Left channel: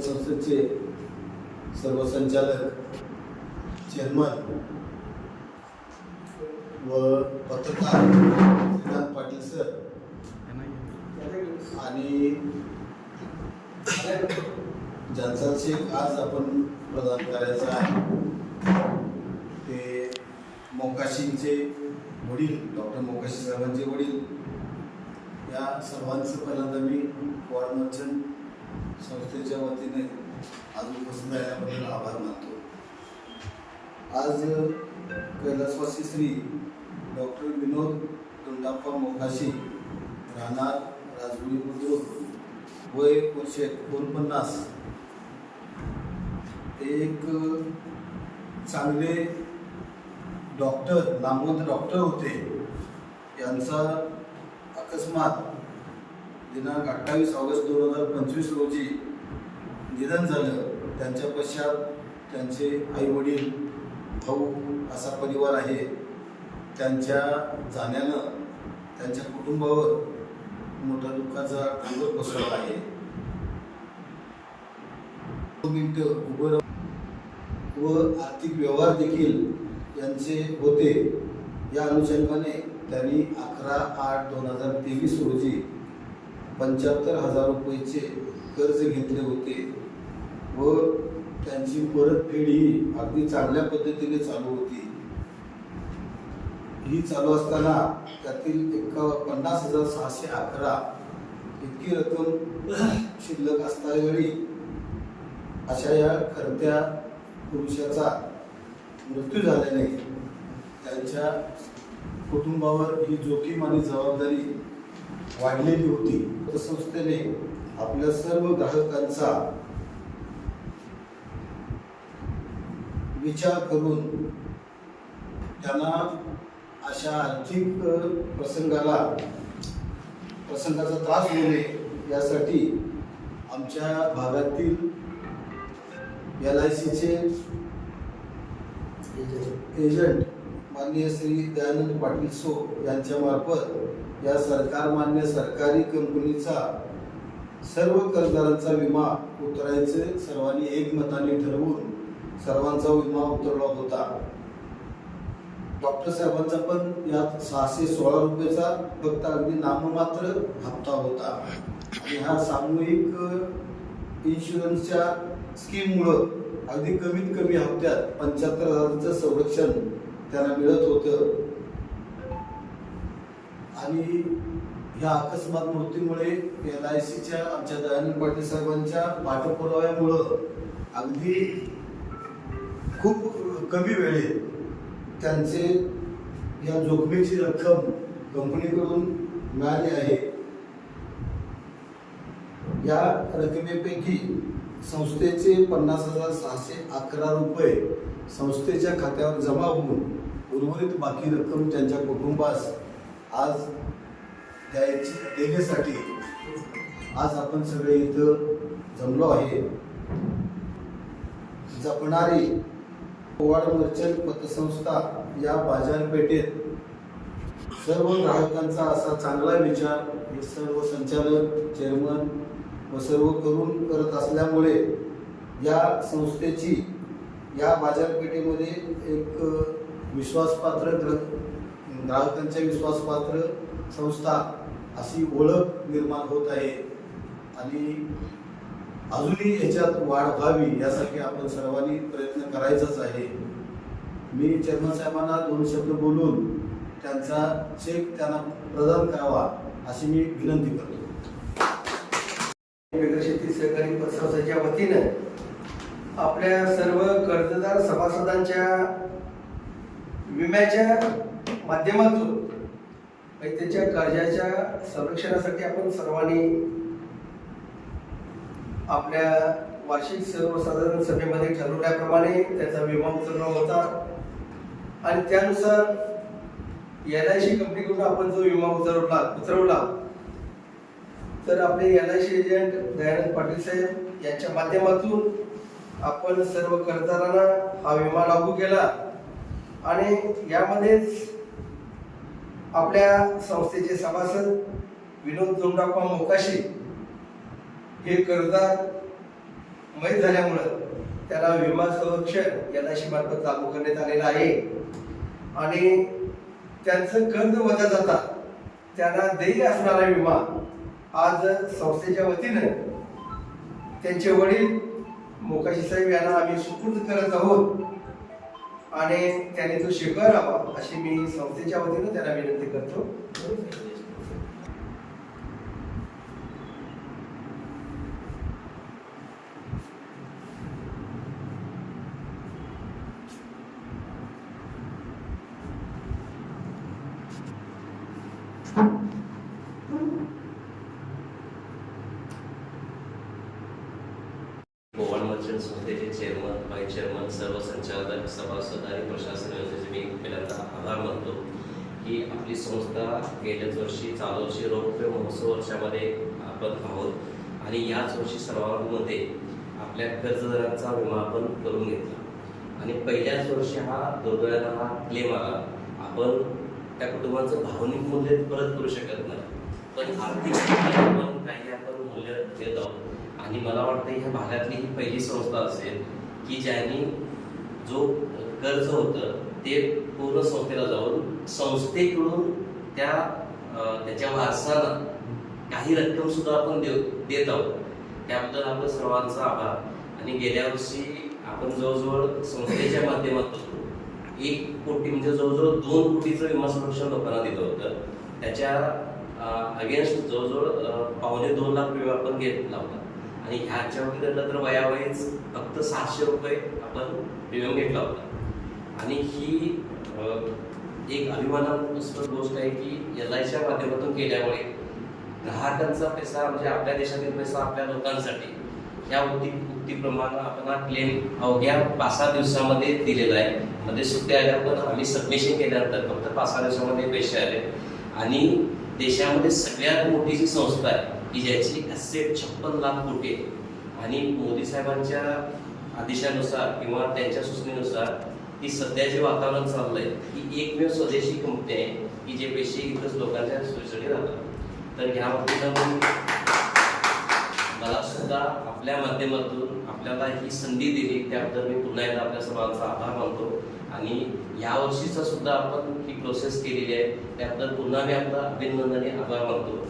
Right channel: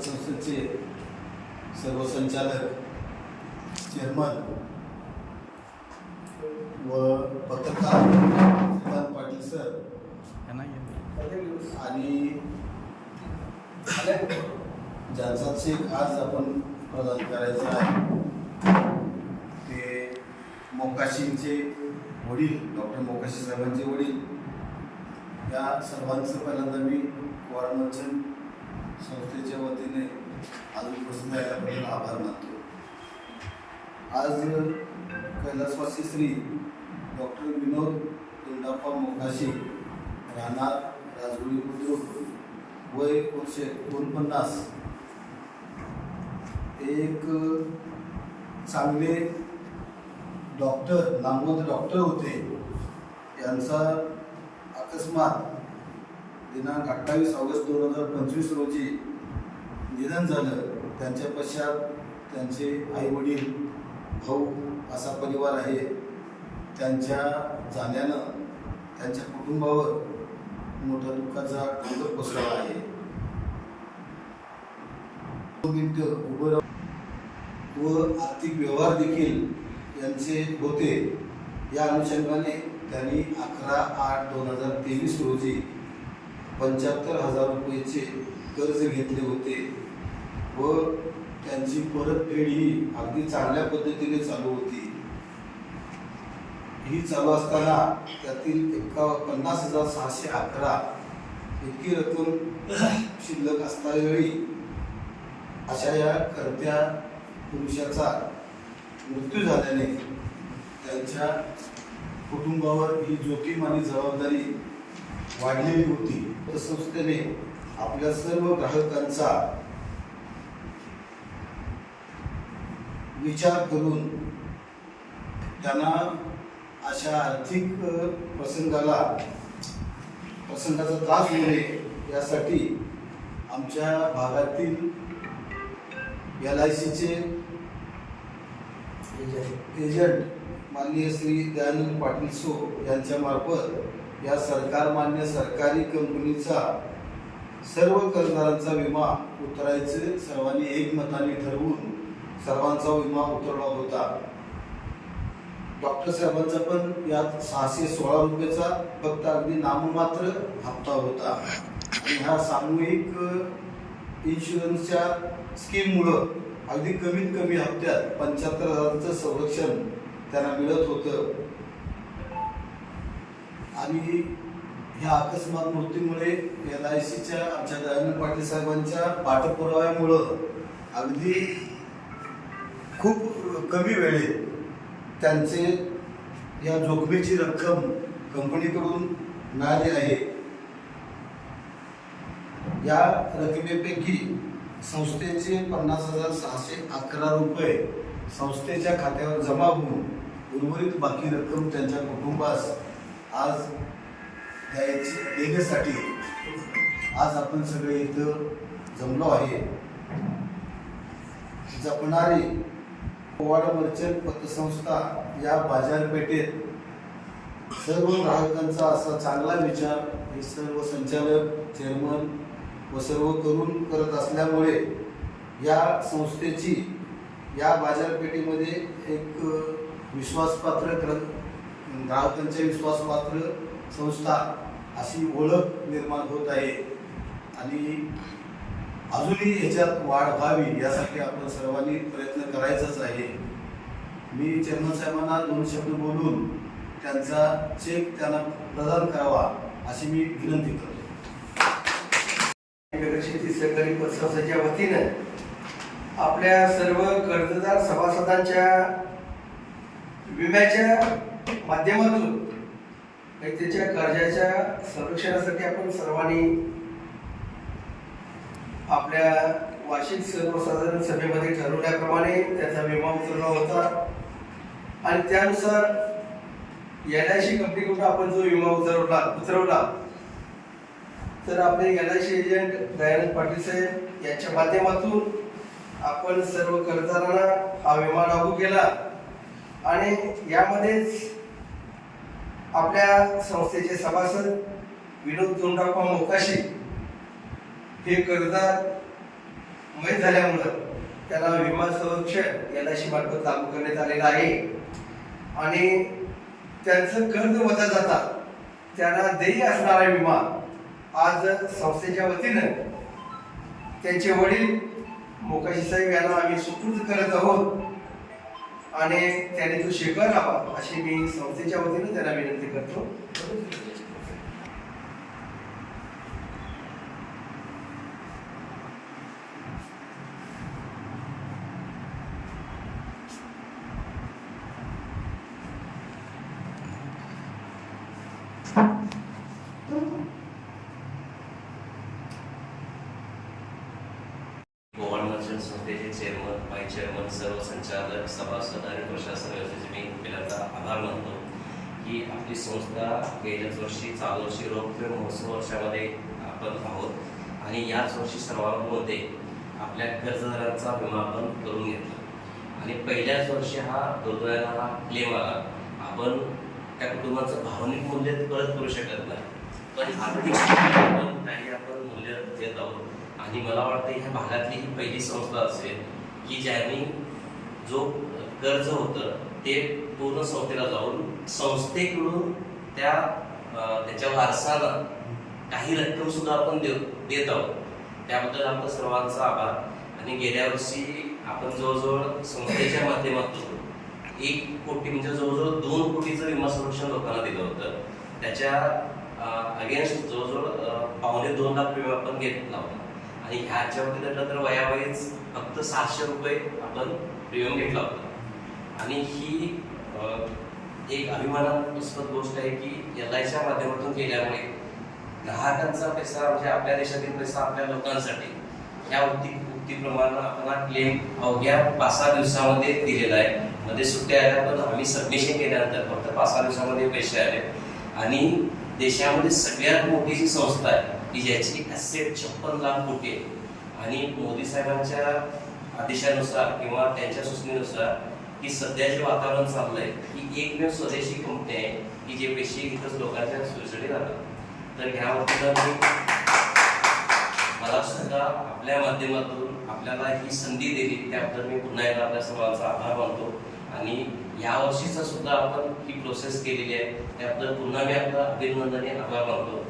संस्थेचे सर्व संचालक चेअरमन व पत्रकार श्रीकांत पाटील सर आणि ज्यांचा चेक आज आपण प्रदान करायचा आहे. ते मोकाशींचे वडील डॉक्टर मोकाशी साहेबांचे वडील. या सर्वांचं पहिल्यांदा मी वॉर्ड मंचन संस्थेच्या वतीने आज उपस्थित राहिल्याबद्दल आभार मानतो. आज कैलासवासी श्री डॉक्टर विनोद गुंडाप्पा मोकाशी राहणार राजगुरी बुद्रुक वय वर्ष एकोणपन्नास. एक चांगले डॉक्टर नामवंत डॉक्टर होते. यांचा अकस्मात दिनांक अठ्ठावीस ऑगस्ट दोन हजार पंचवीस रोजी निधन झालं. त्यांच्या पश्चात त्यांचे आई वडील भाऊ असा परिवार आहे. त्यांच्या जाण्यानं त्यांच्या कुटुंबावर मोठा दुःखाचा डोंगर कोसळला आहे. उभं व आर्थिक व्यवहार देखील यांचे होते. या अनुषंगाने त्यांनी अकरा आठ दोन हजार तेवीस रोजी पंच्याहत्तर हजार रुपयेचे कर्ज घेतले होते व त्यांची परतफेड ही अगदी चांगल्या पद्धतीने चालू होती. ही चालू असताना त्यातील एका पन्नास हजार सहाशे अकरा इतकी रक्कम शिल्लक असतावेळी अशा या करत्या पुरुषाचा मृत्यू झाल्याने त्यांच्या कुटुंबावर ही जोखीम आणि जबाबदारी वाढलेली होती. तर संस्थेने आपल्या सर्व ग्राहकांचा विचार करून त्यांना अशा आर्थिक प्रसंगाला प्रसंगाचा त्रास होऊ नये यासाठी आमच्या भागातील एल आय सीचे एजंट माननीय श्री दयानंद पाटील सो यांच्या मार्फत या सरकार मान्य सरकारी कंपनीचा सर्व कर्जदारांचा विमा उतरायचे सर्वांनी एकमताने ठरवून सर्वांचा विमा उतरवला होता. डॉक्टर साहेबांचा पण यात सहाशे सोळा रुपयाचा फक्त अगदी नाममात्र हप्ता होता. आणि ह्या सामूहिक इन्शुरन्सच्या स्कीममुळं अगदी कमीत कमी हप्त्यात पंच्याहत्तर हजाराचं संरक्षण त्यांना मिळत होतं. आणि ह्या अकस्मात मृत्यूमुळे एल आय सीच्या आमच्या दयानंद पाटील साहेबांच्या पाठपुराव्यामुळं अगदी खूप कमी वेळेत त्यांचे या जोखमीची रक्कम कंपनीकडून मिळाली आहे. या रकमेपैकी संस्थेचे पन्नास हजार सहाशे अकरा रुपये संस्थेच्या खात्यावर जमा होऊन उर्वरित बाकी रक्कम त्यांच्या कुटुंबास आज द्यायची देण्यासाठी आज आपण सगळे इथं जमलो आहे. जपणारी पोवाड मर्चंट पतसंस्था या बाजारपेठेत सर्व ग्राहकांचा असा चांगला विचार हे सर्व संचालक चेअरमन व सर्व करून करत असल्यामुळे या संस्थेची या बाजारपेठेमध्ये एक विश्वासपात्र ग्रंथ ग्राहकांच्या विश्वासपात्र संस्था अशी ओळख निर्माण होत आहे. आणि अजूनही याच्यात वाढ व्हावी यासाठी आपण सर्वांनी प्रयत्न करायचाच आहे. मी चेअरमन साहेबांना दोन शब्द बोलून त्यांचा चेक त्यांना प्रदान करावा अशी मी विनंती करतो. शेती सहकारी पतसंस्थेच्या वतीनं आपल्या सर्व कर्जदार सभासदांच्या विम्याच्या माध्यमातून म्हणजे त्याच्या कर्जाच्या संरक्षणासाठी आपण सर्वांनी आपल्या वार्षिक सर्वसाधारण सभेमध्ये ठरवल्याप्रमाणे त्याचा विमा उतरला होता. आणि त्यानुसार एल आय सी कंपनीकडून आपण जो विमा उतरवला उतरवला तर आपले L I C agent Dayanand Patil साहेब यांच्या माध्यमातून आपण सर्व कर्जदारांना हा विमा लागू केला. आणि यामध्येच आपल्या संस्थेचे सभासद विनोद दोंडाप्पा मोकाशी हे कर्जदार मयत झाल्यामुळं त्याला विमा संरक्षण एल मार्फत लागू करण्यात आलेला आहे. आणि त्यांचं कर्ज वजा जाता त्यांना देय असणारा विमा आज संस्थेच्या वतीनं त्यांचे वडील मोकाशी साहेब यांना आम्ही सुपूर्द करत आहोत. आणि त्याने तो स्वीकारावा अशी मी संस्थेच्या वतीनं त्याला विनंती करतो. गोवन संस्थेचे चेअरमन वाईस चेअरमन सर्व संचालक सभासद आणि प्रशासन व्यवस्थेचे मी पहिल्यांदा आभार मानतो. की आपली संस्था गेल्याच वर्षी चालू वर्षी रौप्य महोत्सव वर्षामध्ये आपण आहोत. आणि याच वर्षी सर्वांमध्ये आपल्या कर्जदारांचा विमा आपण करून घेतला. आणि पहिल्याच वर्षी हा दुर्दैवाला हा क्लेम आला. आपण त्या कुटुंबाचं भावनिक मूल्य परत करू शकत नाही. पण आर्थिक आपण काही आपण मूल्य देत आहोत आणि मला वाटतं ह्या भागातली ही पहिली संस्था असेल की ज्यांनी जो कर्ज होतं ते पूर्ण संस्थेला जाऊन संस्थेकडून त्या त्याच्या वारसाला काही रक्कम सुद्धा आपण देऊ देत आहोत. त्याबद्दल आपला सर्वांचा आभार. आणि गेल्या वर्षी आपण जवळजवळ संस्थेच्या माध्यमातून एक कोटी म्हणजे जवळजवळ दोन कोटीचं विमा संरक्षण लोकांना दिलं होतं. त्याच्या अगेन्स्ट जवळजवळ पावणे दोन लाख विमा आपण घेतला होता. आणि ह्याच्यामध्ये धरलं तर वयावयच फक्त सातशे रुपये आपण प्रीमियम घेतला होता. आणि ही एक अभिमानास्पद गोष्ट आहे की एल आयच्या माध्यमातून केल्यामुळे ग्राहकांचा पैसा म्हणजे आपल्या देशातील पैसा आपल्या लोकांसाठी ह्या उक्ती उक्तीप्रमाणे आपण हा क्लेम अवघ्या पाच सहा दिवसामध्ये दिलेला आहे. मध्ये सुट्ट्या आल्या पण आम्ही सबमिशन केल्यानंतर फक्त पाच सहा दिवसामध्ये पैसे आले. आणि देशामध्ये सगळ्यात मोठी जी संस्था आहे. की ज्याची ॲसेट छप्पन लाख कोटी आहे. आणि मोदी साहेबांच्या आदेशानुसार किंवा त्यांच्या सूचनेनुसार की सध्या जे वातावरण चाललंय ही एकमेव स्वदेशी कंपनी आहे की जे पैसे इथंच लोकांच्या सोयीसाठी जातात तर ह्या वतीनं मी मला सुद्धा आपल्या माध्यमातून आपल्याला ही संधी दिली त्याबद्दल मी पुन्हा एकदा आपल्या सर्वांचा आभार मानतो. आणि या वर्षीचा सुद्धा आपण ही प्रोसेस केलेली आहे त्याबद्दल पुन्हा मी आपला अभिनंदने आभार मानतो.